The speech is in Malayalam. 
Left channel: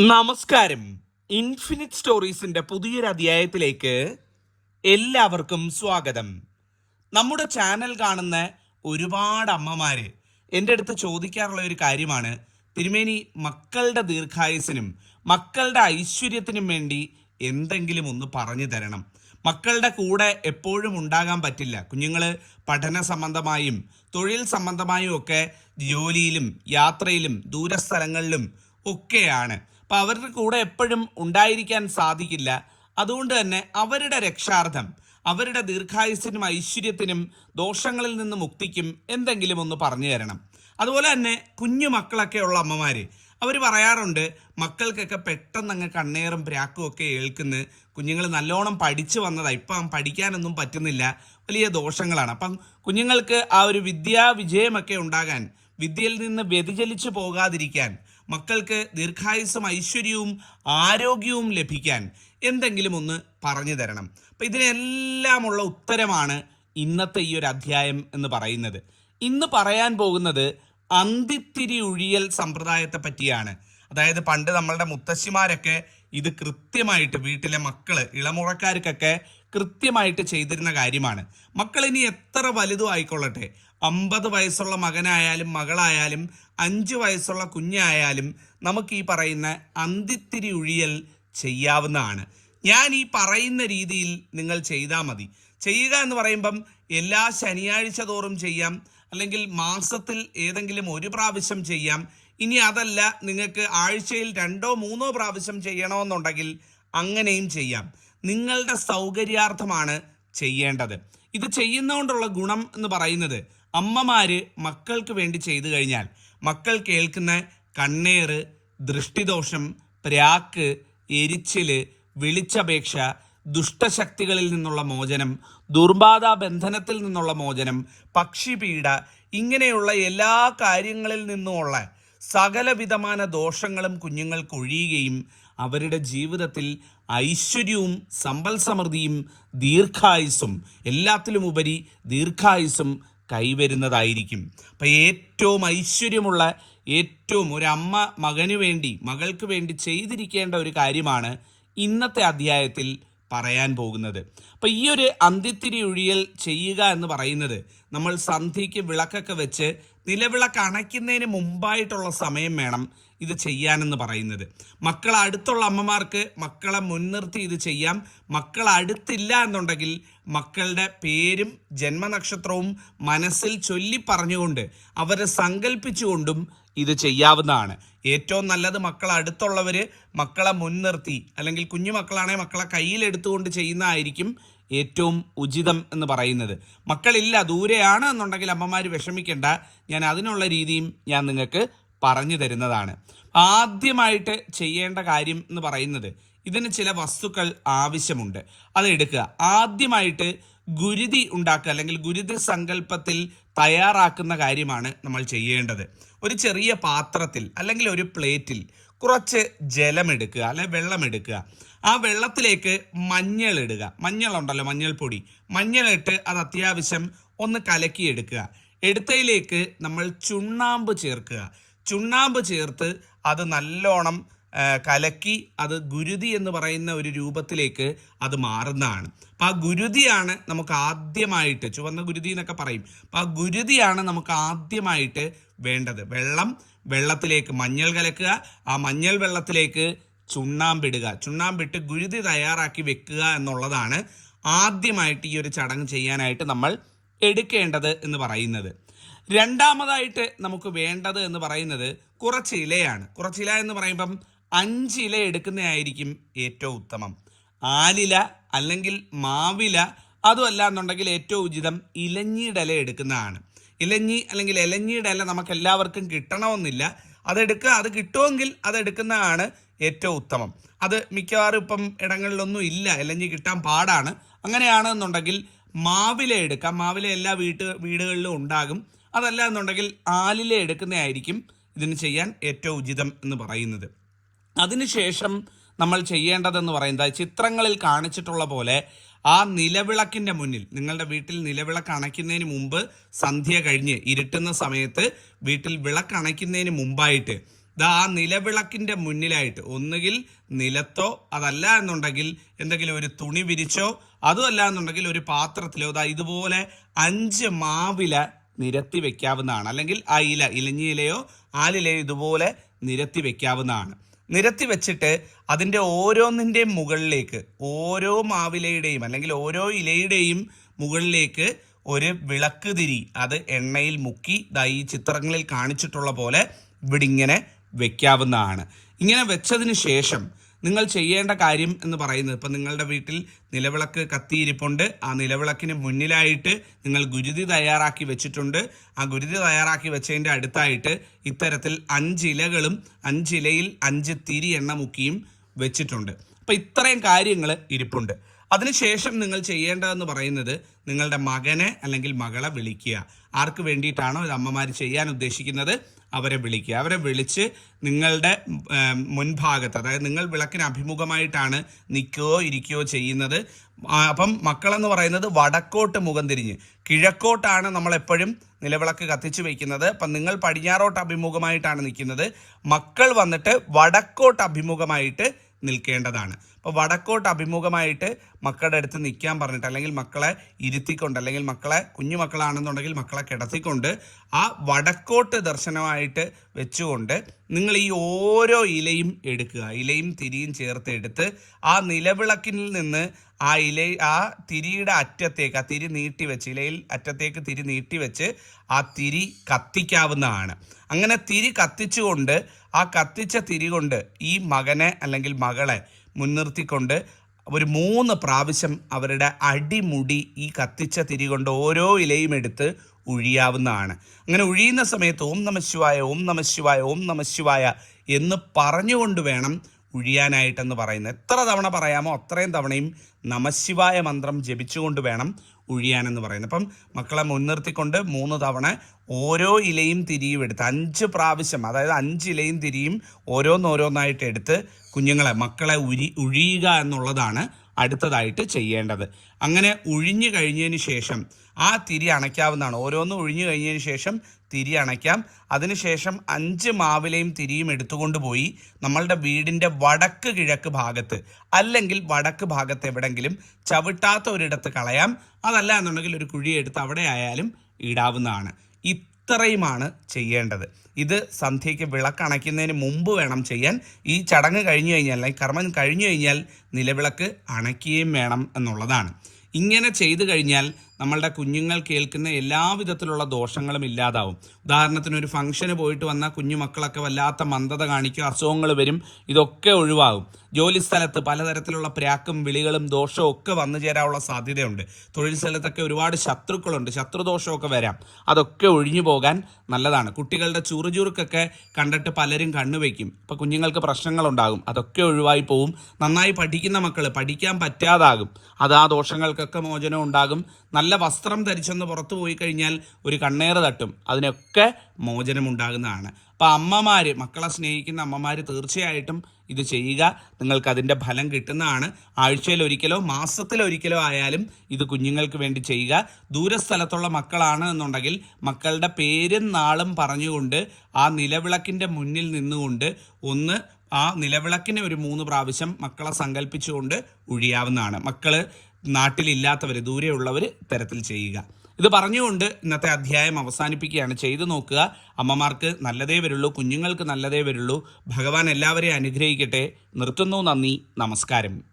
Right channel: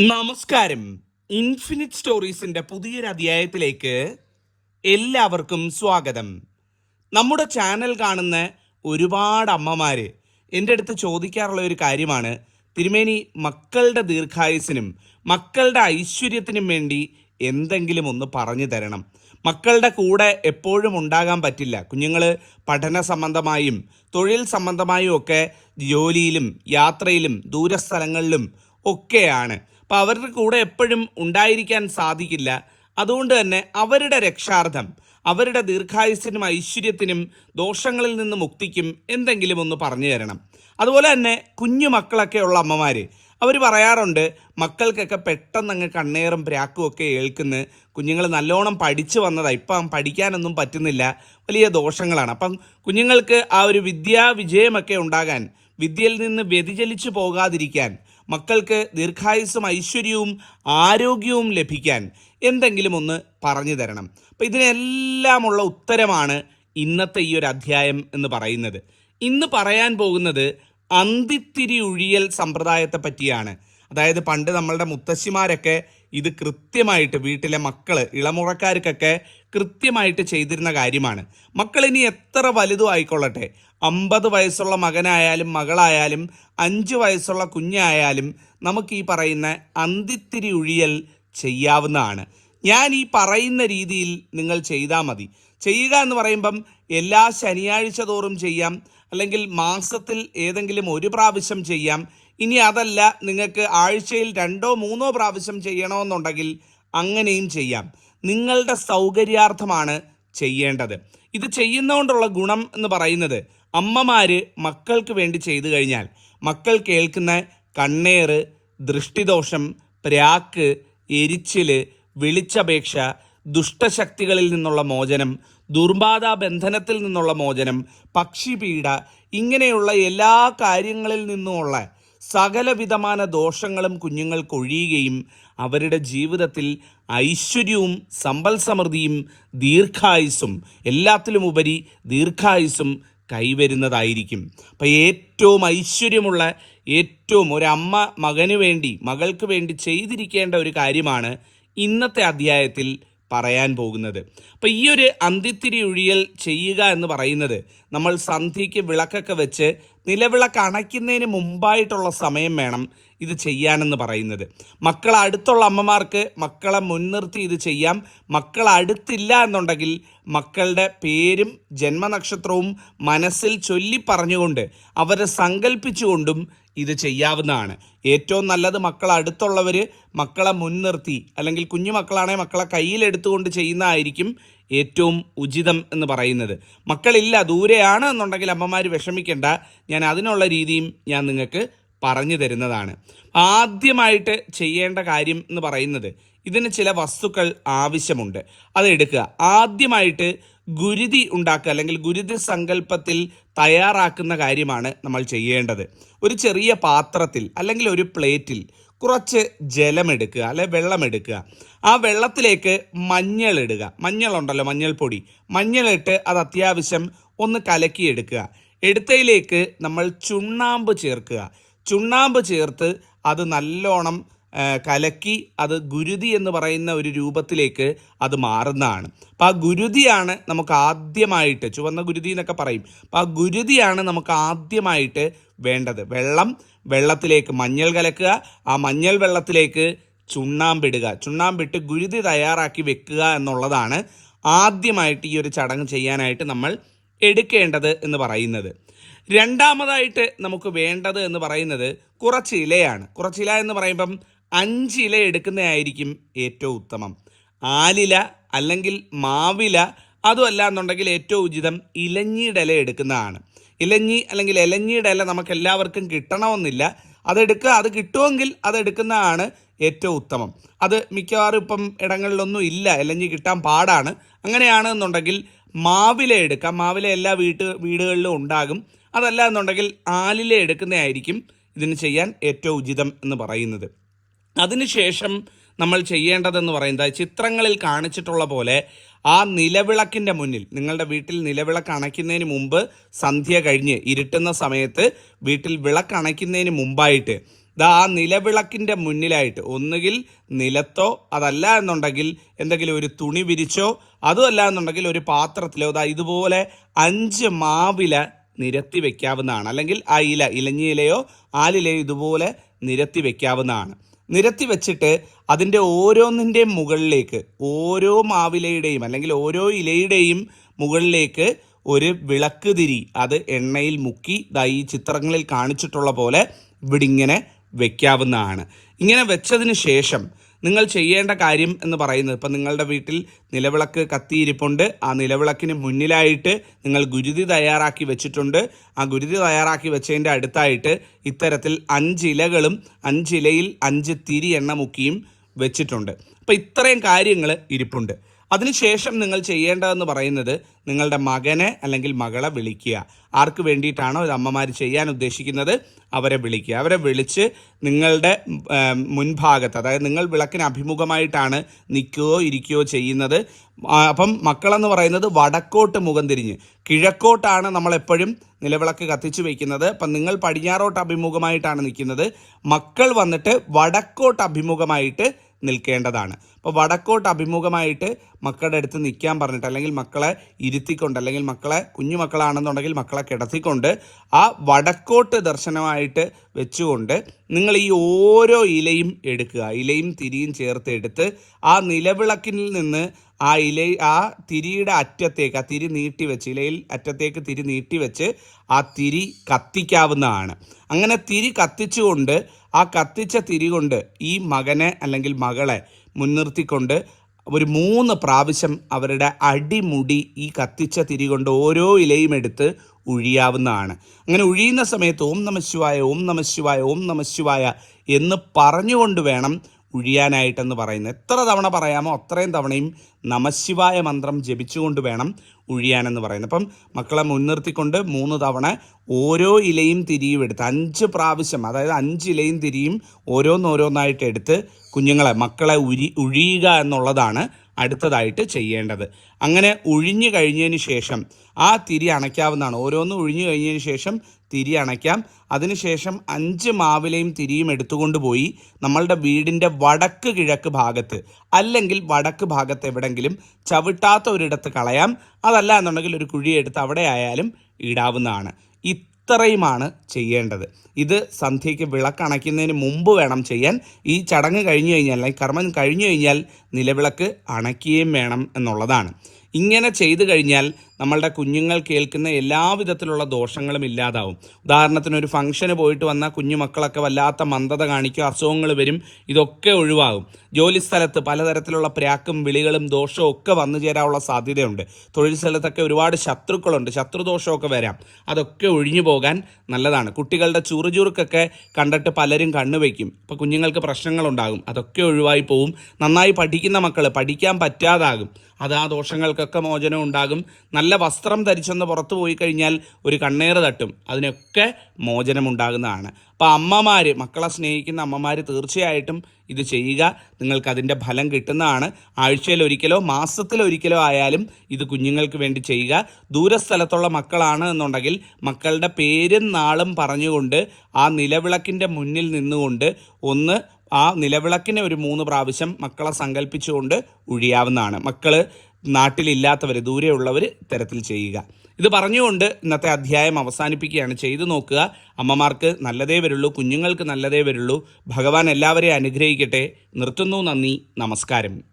നമസ്കാരം. ഇൻഫിനിറ്റ് സ്റ്റോറീസിന്റെ പുതിയൊരു അധ്യായത്തിലേക്ക് എല്ലാവർക്കും സ്വാഗതം. നമ്മുടെ ചാനൽ കാണുന്ന ഒരുപാട് അമ്മമാര് എന്റെ അടുത്ത് ചോദിക്കാറുള്ള ഒരു കാര്യമാണ്. തിരുമേനി മക്കളുടെ ദീർഘായുസിനും മക്കളുടെ ഐശ്വര്യത്തിനും വേണ്ടി എന്തെങ്കിലും ഒന്ന് പറഞ്ഞു തരണം. മക്കളുടെ കൂടെ എപ്പോഴും ഉണ്ടാകാൻ പറ്റില്ല. കുഞ്ഞുങ്ങൾ പഠന സംബന്ധമായും തൊഴിൽ സംബന്ധമായും ഒക്കെ ജോലിയിലും യാത്രയിലും ദൂരസ്ഥലങ്ങളിലും ഒക്കെയാണ്. അപ്പം അവരുടെ കൂടെ എപ്പോഴും ഉണ്ടായിരിക്കാൻ സാധിക്കില്ല. അതുകൊണ്ട് തന്നെ അവരുടെ രക്ഷാർത്ഥം അവരുടെ ദീർഘായുസിനും ഐശ്വര്യത്തിനും ദോഷങ്ങളിൽ നിന്ന് മുക്തിക്കും എന്തെങ്കിലും ഒന്ന് പറഞ്ഞു തരണം. അതുപോലെ തന്നെ കുഞ്ഞു മക്കളൊക്കെ ഉള്ള അമ്മമാര് അവർ പറയാറുണ്ട് മക്കൾക്കൊക്കെ പെട്ടെന്ന് അങ്ങ് കണ്ണേറും പ്രാക്കും ഒക്കെ ഏൽക്കുന്ന. കുഞ്ഞുങ്ങൾ നല്ലോണം പഠിച്ചു വന്നതാണ് ഇപ്പം പഠിക്കാനൊന്നും പറ്റുന്നില്ല. വലിയ ദോഷങ്ങളാണ്. അപ്പം കുഞ്ഞുങ്ങൾക്ക് ആ ഒരു വിദ്യാ വിജയമൊക്കെ ഉണ്ടാകാൻ വിദ്യയിൽ നിന്ന് വ്യതിചലിച്ചു പോകാതിരിക്കാൻ മക്കൾക്ക് ദീർഘായുസ്സും ഐശ്വര്യവും ആരോഗ്യവും ലഭിക്കാൻ എന്തെങ്കിലും ഒന്ന് പറഞ്ഞു തരണം. അപ്പം ഇതിനെല്ലാമുള്ള ഉത്തരമാണ് ഇന്നത്തെ ഈ ഒരു അധ്യായം എന്ന് പറയുന്നത്. ഇന്ന് പറയാൻ പോകുന്നത് അന്തിത്തിരി ഉഴിയൽ സമ്പ്രദായത്തെ പറ്റിയാണ്. അതായത് പണ്ട് നമ്മളുടെ മുത്തശ്ശിമാരൊക്കെ ഇത് കൃത്യമായിട്ട് വീട്ടിലെ മക്കൾ ഇളമുറക്കാർക്കൊക്കെ കൃത്യമായിട്ട് ചെയ്തിരുന്ന കാര്യമാണ്. മക്കൾ ഇനി എത്ര വലുതും ആയിക്കൊള്ളട്ടെ. അമ്പത് വയസ്സുള്ള മകനായാലും മകളായാലും അഞ്ച് വയസ്സുള്ള കുഞ്ഞായാലും നമുക്ക് ഈ പറയുന്ന അന്തിത്തിരി ഉഴിയൽ ചെയ്യാവുന്നതാണ്. ഞാൻ ഈ പറയുന്ന രീതിയിൽ നിങ്ങൾ ചെയ്താൽ മതി. ചെയ്യുക എന്ന് പറയുമ്പം എല്ലാ ശനിയാഴ്ച തോറും ചെയ്യാം. അല്ലെങ്കിൽ മാസത്തിൽ ഏതെങ്കിലും ഒരു പ്രാവശ്യം ചെയ്യാം. ഇനി അതല്ല നിങ്ങൾക്ക് ആഴ്ചയിൽ രണ്ടോ മൂന്നോ പ്രാവശ്യം ചെയ്യണമെന്നുണ്ടെങ്കിൽ അങ്ങനെയും ചെയ്യാം. നിങ്ങളുടെ സൗകര്യാർത്ഥമാണ് ചെയ്യേണ്ടത്. ഇത് ചെയ്യുന്നതുകൊണ്ടുള്ള ഗുണം എന്ന് പറയുന്നത് അമ്മമാര് മക്കൾക്ക് വേണ്ടി ചെയ്തു കഴിഞ്ഞാൽ മക്കൾ കേൾക്കുന്ന കണ്ണേറ് ദൃഷ്ടിദോഷം പ്രാക്ക് എരിച്ചിൽ വിളിച്ചപേക്ഷ ദുഷ്ടശക്തികളിൽ നിന്നുള്ള മോചനം ദുർബാധ ബന്ധനത്തിൽ നിന്നുള്ള മോചനം പക്ഷിപീഡ ഇങ്ങനെയുള്ള എല്ലാ കാര്യങ്ങളിൽ നിന്നുമുള്ള സകലവിധமான ദോഷങ്ങളും കുഞ്ഞുങ്ങൾക്ക് ഒഴിയുകയും അവരുടെ ജീവിതത്തിൽ ഐശ്വര്യവും സമ്പൽ സമൃദ്ധിയും ദീർഘായുസ്സും എല്ലാത്തിലും ഉപരി ദീർഘായുസ്സും കൈവരുന്നതായിരിക്കും. അപ്പം ഏറ്റവും ഐശ്വര്യമുള്ള ഏറ്റവും ഒരമ്മ മകന് വേണ്ടി മകൾക്ക് വേണ്ടി ചെയ്തിരിക്കേണ്ട ഒരു കാര്യമാണ് ഇന്നത്തെ അധ്യായത്തിൽ പറയാൻ പോകുന്നത്. അപ്പം ഈ ഒരു അന്തിത്തിരി ഒഴിയൽ ചെയ്യുക എന്ന് പറയുന്നത് നമ്മൾ സന്ധ്യയ്ക്ക് വിളക്കൊക്കെ വെച്ച് നിലവിളക്ക് അണയ്ക്കുന്നതിന് മുമ്പായിട്ടുള്ള സമയം വേണം ഇത് ചെയ്യാനെന്ന് പറയുന്നത്. മക്കൾ അടുത്തുള്ള അമ്മമാർക്ക് മക്കളെ മുൻനിർത്തി ഇത് ചെയ്യാം. മക്കൾ അടുത്തില്ല എന്നുണ്ടെങ്കിൽ മക്കളുടെ പേരും ജന്മനക്ഷത്രവും മനസ്സിൽ ചൊല്ലി പറഞ്ഞുകൊണ്ട് അവരെ സങ്കല്പിച്ചുകൊണ്ടും ഇത് ചെയ്യാവുന്നതാണ്. ഏറ്റവും നല്ലത് മക്കൾ അടുത്തുള്ളവർ മക്കളെ മുൻനിർത്തി അല്ലെങ്കിൽ കുഞ്ഞു മക്കളാണെങ്കിൽ മക്കളെ കയ്യിലെടുത്തുകൊണ്ട് ചെയ്യുന്നതായിരിക്കും ഏറ്റവും ഉചിതം എന്ന് പറയുന്നത്. മക്കളില്ല ദൂരെയാണ് എന്നുണ്ടെങ്കിൽ അമ്മമാർ വിഷമിക്കേണ്ട. ഞാൻ അതിനുള്ള രീതിയും ഞാൻ നിങ്ങൾക്ക് പറഞ്ഞു തരുന്നതാണ്. ആദ്യമായിട്ട് ചെയ്യേണ്ട കാര്യം എന്ന് പറയുന്നത് ഇതിന് ചില വസ്തുക്കൾ ആവശ്യമുണ്ട്. അത് എടുക്കുക. ആദ്യമായിട്ട് ഗുരുതി ഉണ്ടാക്കുക അല്ലെങ്കിൽ ഗുരുതി സങ്കല്പത്തിൽ തയ്യാറാക്കുന്ന കാര്യമാണ് നമ്മൾ ചെയ്യേണ്ടത്. ഒരു ചെറിയ പാത്രത്തിൽ അല്ലെങ്കിൽ ഒരു പ്ലേറ്റിൽ കുറച്ച് ജലമെടുക്കുക അല്ലെ വെള്ളമെടുക്കുക. ആ വെള്ളത്തിലേക്ക് മഞ്ഞൾ ഇടുക മഞ്ഞളുണ്ടല്ലോ മഞ്ഞൾപ്പൊടി. മഞ്ഞളിട്ട് അത് അത്യാവശ്യം ഒന്ന് കലക്കിയെടുക്കുക. എടുത്തയിലേക്ക് നമ്മൾ ചുണ്ണാമ്പ് ചേർക്കുക. ചുണ്ണാമ്പ് ചേർത്ത് അത് നല്ലോണം കലക്കി അത് ഗുരുതി എന്ന് പറയുന്ന ഒരു രൂപത്തിലേക്ക് അത് മാറുന്നതാണ്. അപ്പം ആ ഗുരുതിയാണ് നമുക്ക് ആദ്യമായിട്ട് ചുവന്ന ഗുരുതി എന്നൊക്കെ പറയും. അപ്പം ആ ഗുരുതിയാണ് നമുക്ക് ആദ്യമായിട്ട് വേണ്ടത്. വെള്ളം വെള്ളത്തിലേക്ക് മഞ്ഞൾ കലക്കുക ആ മഞ്ഞൾ വെള്ളത്തിലേക്ക് ചുണ്ണാമ്പിടുക ചുണ്ണാമ്പിട്ട് ഗുരുതി തയ്യാറാക്കി വെക്കുക എന്നുള്ളതാണ് ആദ്യമായിട്ട് ഈ ഒരു ചടങ്ങ് ചെയ്യാനായിട്ട് നമ്മൾ എടുക്കേണ്ടത് എന്ന് പറയുന്നത്. രണ്ടാമതായിട്ട് നമുക്ക് വേണ്ടത് എന്ന് പറയുന്നത് കുറച്ച് ഇലയാണ്. കുറച്ച് ഇല എന്ന് പറയുമ്പം അഞ്ച് ഇല എടുക്കുന്നതായിരിക്കും ഏറ്റവും ഉത്തമം. ആലില അല്ലെങ്കിൽ മാവില അതുമല്ല എന്നുണ്ടെങ്കിൽ ഏറ്റവും ഉചിതം ഇലഞ്ഞിയുടെ ഇല എടുക്കുന്നതാണ്. ഇലഞ്ഞി അല്ലെങ്കിൽ ഇലഞ്ഞിയുടെ ഇല നമുക്ക് എല്ലാവർക്കും കിട്ടണമെന്നില്ല അതെടുക്കുക അത് കിട്ടുമെങ്കിൽ അതെടുക്കുന്നതാണ് ഏറ്റവും ഉത്തമം. അത് മിക്കവാറും ഇപ്പം ഇടങ്ങളിലൊന്നും ഇല്ല. ഇലഞ്ഞി കിട്ടാൻ പാടാണ്. അങ്ങനെയാണ് എന്നുണ്ടെങ്കിൽ മാവില എടുക്കാം. മാവില എല്ലാ വീട്ട് വീടുകളിലും ഉണ്ടാകും. അതല്ല എന്നുണ്ടെങ്കിൽ ആലില എടുക്കുന്നതായിരിക്കും ഇതിന് ചെയ്യാൻ ഏറ്റവും ഉചിതം എന്ന് പറയുന്നത്. അതിനുശേഷം നമ്മൾ ചെയ്യേണ്ടതെന്ന് പറയുന്നത് ചിത്രങ്ങളിൽ കാണിച്ചിട്ടുള്ള പോലെ ആ നിലവിളക്കിന്റെ മുന്നിൽ നിങ്ങളുടെ വീട്ടിൽ നിലവിളക്ക് അണയ്ക്കുന്നതിന് മുമ്പ് സന്ധ്യ കഴിഞ്ഞ് ഇരുട്ടുന്ന സമയത്ത് വീട്ടിൽ വിളക്ക് അണയ്ക്കുന്നതിന് മുമ്പായിട്ട് ദാ ആ നിലവിളക്കിന്റെ മുന്നിലായിട്ട് ഒന്നുകിൽ നിലത്തോ അതല്ല എന്നുണ്ടെങ്കിൽ എന്തെങ്കിലും ഒരു തുണി വിരിച്ചോ അതുമല്ല എന്നുണ്ടെങ്കിൽ ഒരു പാത്രത്തിലോ ദാ ഇതുപോലെ അഞ്ച് മാവില നിരത്തി വെക്കാവുന്നതാണ്. അല്ലെങ്കിൽ ആ ഇല ഇലഞ്ഞി ഇലയോ ആലിലയോ ഇതുപോലെ നിരത്തി വെക്കാവുന്നതാണ്. നിരത്തി വെച്ചിട്ട് അതിന്റെ ഓരോന്നിന്റെയും മുകളിലേക്ക് ഓരോ മാവിലയുടെയും അല്ലെങ്കിൽ ഓരോ ഇലയുടെയും മുകളിലേക്ക് ഒരു വിളക്ക് തിരി അത് എണ്ണയിൽ മുക്കി ദാ ഈ ചിത്രങ്ങളിൽ കാണിച്ചിട്ടുള്ള പോലെ ഇവിടെ ഇങ്ങനെ വെക്കാവുന്നതാണ്. ഇങ്ങനെ വെച്ചതിന് ശേഷം നിങ്ങൾ ചെയ്യേണ്ട കാര്യം എന്ന് പറയുന്നത്. ഇപ്പം നിങ്ങളുടെ വീട്ടിൽ നിലവിളക്ക് കത്തിയിരിപ്പുണ്ട്. ആ നിലവിളക്കിന് മുന്നിലായിട്ട് നിങ്ങൾ ഗുരുതി തയ്യാറാക്കി വെച്ചിട്ടുണ്ട്. ആ ഗുരുതി തയ്യാറാക്കി വെച്ചതിന്റെ അടുത്തായിട്ട് ഇത്തരത്തിൽ അഞ്ച് ഇലകളും അഞ്ചിലയിൽ അഞ്ച് തിരി എണ്ണ മുക്കിയും വെച്ചിട്ടുണ്ട്. അപ്പം ഇത്രയും കാര്യങ്ങൾ ഇരിപ്പുണ്ട്. അതിനുശേഷം നിങ്ങൾ ചെയ്യേണ്ടതെന്ന് പറയുന്നത് നിങ്ങളുടെ മകനെ അല്ലെങ്കിൽ മകളെ വിളിക്കുക. ആർക്ക് വേണ്ടിയിട്ടാണോ ഇത് അമ്മമാർ ചെയ്യാൻ ഉദ്ദേശിക്കുന്നത്? അവരെ വിളിക്കുക. അവരെ വിളിച്ച് നിങ്ങളുടെ മുൻഭാഗത്ത് അതായത് നിങ്ങൾ വിളക്കിന് അഭിമുഖമായിട്ടാണ് നിൽക്കുകയോ ഇരിക്കുകയോ ചെയ്യുന്നത്. അപ്പം മക്കളെന്ന് പറയുന്നത് വടക്കോട്ട് മുഖം തിരിഞ്ഞ്. കിഴക്കോട്ടാണ് നമ്മളെപ്പോഴും നിലവിളക്ക് കത്തിച്ചു വെക്കുന്നത്. അപ്പം നിങ്ങൾ പടിഞ്ഞാറോട്ട് അഭിമുഖമായിട്ടാണ് നിൽക്കുന്നത്. മക്കൾ വന്നിട്ട് വടക്കോട്ട് അഭിമുഖമായിട്ട് നിൽക്കേണ്ടതാണ്. അപ്പോൾ വടക്കോട്ട് അഭിമുഖമായിട്ട് മക്കളുടെ അടുത്ത് നിൽക്കാൻ പറഞ്ഞിട്ട് അല്ലെങ്കിൽ മക്കളെ ഇരുത്തിക്കൊണ്ട് അല്ലെങ്കിൽ മക്കളെ കുഞ്ഞു മക്കളാണെന്നുണ്ടെങ്കിൽ മക്കളെ കിടത്തിക്കൊണ്ട് ആ വടക്കോട്ട് ദർശനമായിട്ട് വെച്ചുകൊണ്ട് നിങ്ങൾ ഈ ഓരോ ഇലയും എടുക്കുക. ഇലയും തിരിയും ചേർത്ത് എടുത്ത് ആ നിലവിളക്കിൽ നിന്ന് ആ ഇല ആ തിരിയുടെ അറ്റത്തേക്ക് ആ തിരി നീട്ടി വെച്ച് ഇലയിൽ അറ്റത്തേക്ക് തിരി നീട്ടി വെച്ച് ആ തിരി കത്തിക്കാവുന്നതാണ്. അങ്ങനെ തിരി കത്തിച്ചുകൊണ്ട് ആ കത്തിച്ച തിരി കൊണ്ട് ഈ മകനെ അല്ലെങ്കിൽ മകളെ മുൻനിർത്തിക്കൊണ്ട് ഒരു മൂന്ന് പ്രാവശ്യം അവരുടെ അടിമുടി ഈ കത്തിച്ച തിരി കൊണ്ട് ഓരോ ഇലയും എടുത്ത് ഉഴിയാവുന്നതാണ്. അങ്ങനെ ഉഴിയുന്ന സമയത്ത് ഓം നമ ശിവായ ഓം നമ ശിവായ ഓം നമ ശിവായ എന്ന് പറഞ്ഞുകൊണ്ട് വേണം ഉഴിയാനായിട്ടെന്ന് പറയുന്നത്. എത്ര തവണ പറയാമോ അത്രയും തവണയും നമശിവായ മന്ത്രം ജപിച്ചുകൊണ്ട് വേണം ഉഴിയാനെന്ന് പറയുന്നത്. അപ്പം മക്കളെ മുൻനിർത്തിക്കൊണ്ട് മൂന്ന് തവണ ഓരോ ഇലയും തിരിയും എടുത്ത് അഞ്ച് പ്രാവശ്യം അതായത് അഞ്ച് ഇലയും തിരിയും ഓരോന്നോരോന്നായിട്ട് എടുത്ത് കുഞ്ഞുങ്ങളെ മക്കളെ ഉരി ഉഴിയുക എന്നുള്ളതാണ് അടുത്തതായിട്ട് ചെയ്യേണ്ടത്. അങ്ങനെ ഉഴിഞ്ഞു കഴിഞ്ഞതിന് ശേഷം ആ തിരി അണയ്ക്കാവുന്നതാണ്. ഓരോന്നും ഉഴിഞ്ഞു കഴിഞ്ഞതിന് ശേഷം തിരി അണയ്ക്കാം. അതിനുശേഷം അഞ്ച് മാവിലയും തിരിയും എടുത്തുകൊണ്ട് പോയി നമ്മളുടെ വീടിന്റെ വടക്ക് കിഴക്ക് ഭാഗത്ത് അല്ലെങ്കിൽ വടക്ക് ഭാഗത്ത് എവിടെങ്കിലും ചവിട്ടാത്ത ഒരിടത്ത് കളയാം. അതല്ല എന്നുണ്ടെങ്കിൽ ഒരു കുഴിയെടുത്ത് അവിടെ ആയാലും ഇടാവുന്നതാണ് ഇത്രയുമാണ് ചെയ്യേണ്ടത്. ഇത് സന്ധ്യയ്ക്ക് വിളക്കണയ്ക്കുന്നതിന് മുമ്പ് വേണം ചെയ്യാൻ. ഈ ചടങ്ങ് കഴിഞ്ഞു കഴിഞ്ഞാൽ അല്ലെങ്കിൽ കർമ്മം കഴിഞ്ഞു കഴിഞ്ഞാൽ നിലവിളക്ക് അണയ്ക്കുകയും വേണം എന്നുള്ളതാണ്. ഇങ്ങനെ ചെയ്തു കഴിഞ്ഞാൽ നമ്മളുടെ കുഞ്ഞുങ്ങൾ കേൾക്കുന്ന എല്ലാവിധത്തിലുള്ള ദോഷങ്ങളും ഇല്ലാതാവും. ഉദാഹരണത്തിന് ഒരു ഫംഗ്ഷന് പോയിട്ട് വന്ന കുഞ്ഞു മക്കളൊക്കെ വല്ലാത്ത മന്ദത കാണിക്കും അസുഖങ്ങൾ വരും ഇതൊക്കെ ഒഴിവാകും. ജോലി സ്ഥലത്ത് പലതരത്തിലുള്ള പ്രാക്കും വിളികളും ദോഷവും ഒക്കെ വന്നു ചേരാനുള്ള സാധ്യതയുണ്ട്. തൊഴിൽ സ്ഥലത്തൊക്കെ ഒരുപാട് ശത്രുക്കളുണ്ട്. ശത്രുദോഷമൊക്കെ വരാം. അതൊക്കെ ഒഴിഞ്ഞു പോകാൻ നല്ലതാണ്. കുട്ടികളുടെ ചുറുചുറുക്കൊക്കെ കണ്ടിട്ട് പലരും കണ്ണുവയ്ക്കും ഇപ്പം കുഞ്ഞുങ്ങൾക്ക് പ്രശ്നങ്ങളുണ്ടാകും. അതൊക്കെ ഒഴിവായി പോവും. നന്നായി പഠിക്കുന്ന മക്കൾ പഠിക്കാൻ പറ്റാതാകും. അത് ആ ദോഷങ്ങൾക്കൊക്കെ മോചനം ഉണ്ടാകും. നല്ല വസ്ത്രം ധരിച്ചൊന്ന് പുറത്തു പോയി കഴിഞ്ഞാൽ ഒരു കണ്ണേറ് തട്ടും. അതിനൊക്കെ മോചനം ഉണ്ടാകുന്നതാണ്. അപ്പോൾ അമ്മമാർ മക്കളെ സ്നേഹിക്കുന്ന അമ്മമാർ തീർച്ചയായിട്ടും ഇത് ചെയ്യുക. നിങ്ങൾക്ക് അതിന്റെ ഫലം കിട്ടുന്നതാണ്. ആഴ്ചയിൽ ഒരിക്കലോ മാസത്തിൽ ആയാലും ഇത് കുഞ്ഞുങ്ങൾക്ക് വേണ്ടി ചെയ്യുക. ദൂരസ്ഥലത്തുള്ള മക്കളാണ് എന്നുണ്ടെങ്കിൽ മക്കളുടെ പേരും നാളും പറഞ്ഞുകൊണ്ട് ആ നിലവിളക്കിന്റെ മുന്നിൽ നിന്നുകൊണ്ട് ഒന്ന് ആ നിലവിളക്കിനെ ഒരു മൂന്ന് പ്രാവശ്യം മക്കളെ സങ്കല്പിച്ചുകൊണ്ട് ഒഴിയാവുന്നതാണ്. മക്കൾ നാട്ടിലില്ലാത്തവർ ദൂരെയുള്ളവർ തരത്തിൽ ചെയ്യുക. ഇത് പറഞ്ഞുകൊണ്ട് ഇന്നത്തെ അധ്യായം അവസാനിപ്പിക്കുകയാണ്. ചെയ്തു നോക്കുക. അമ്മമാർക്ക് നല്ലതേ വരുള്ളൂ. കുഞ്ഞുങ്ങൾക്ക് നല്ലതേ വരുള്ളൂ. ഭഗവാൻ എല്ലാവരെയും അനുഗ്രഹിക്കട്ടെ. നിർത്തുന്നു നന്ദി. നമസ്കാരം.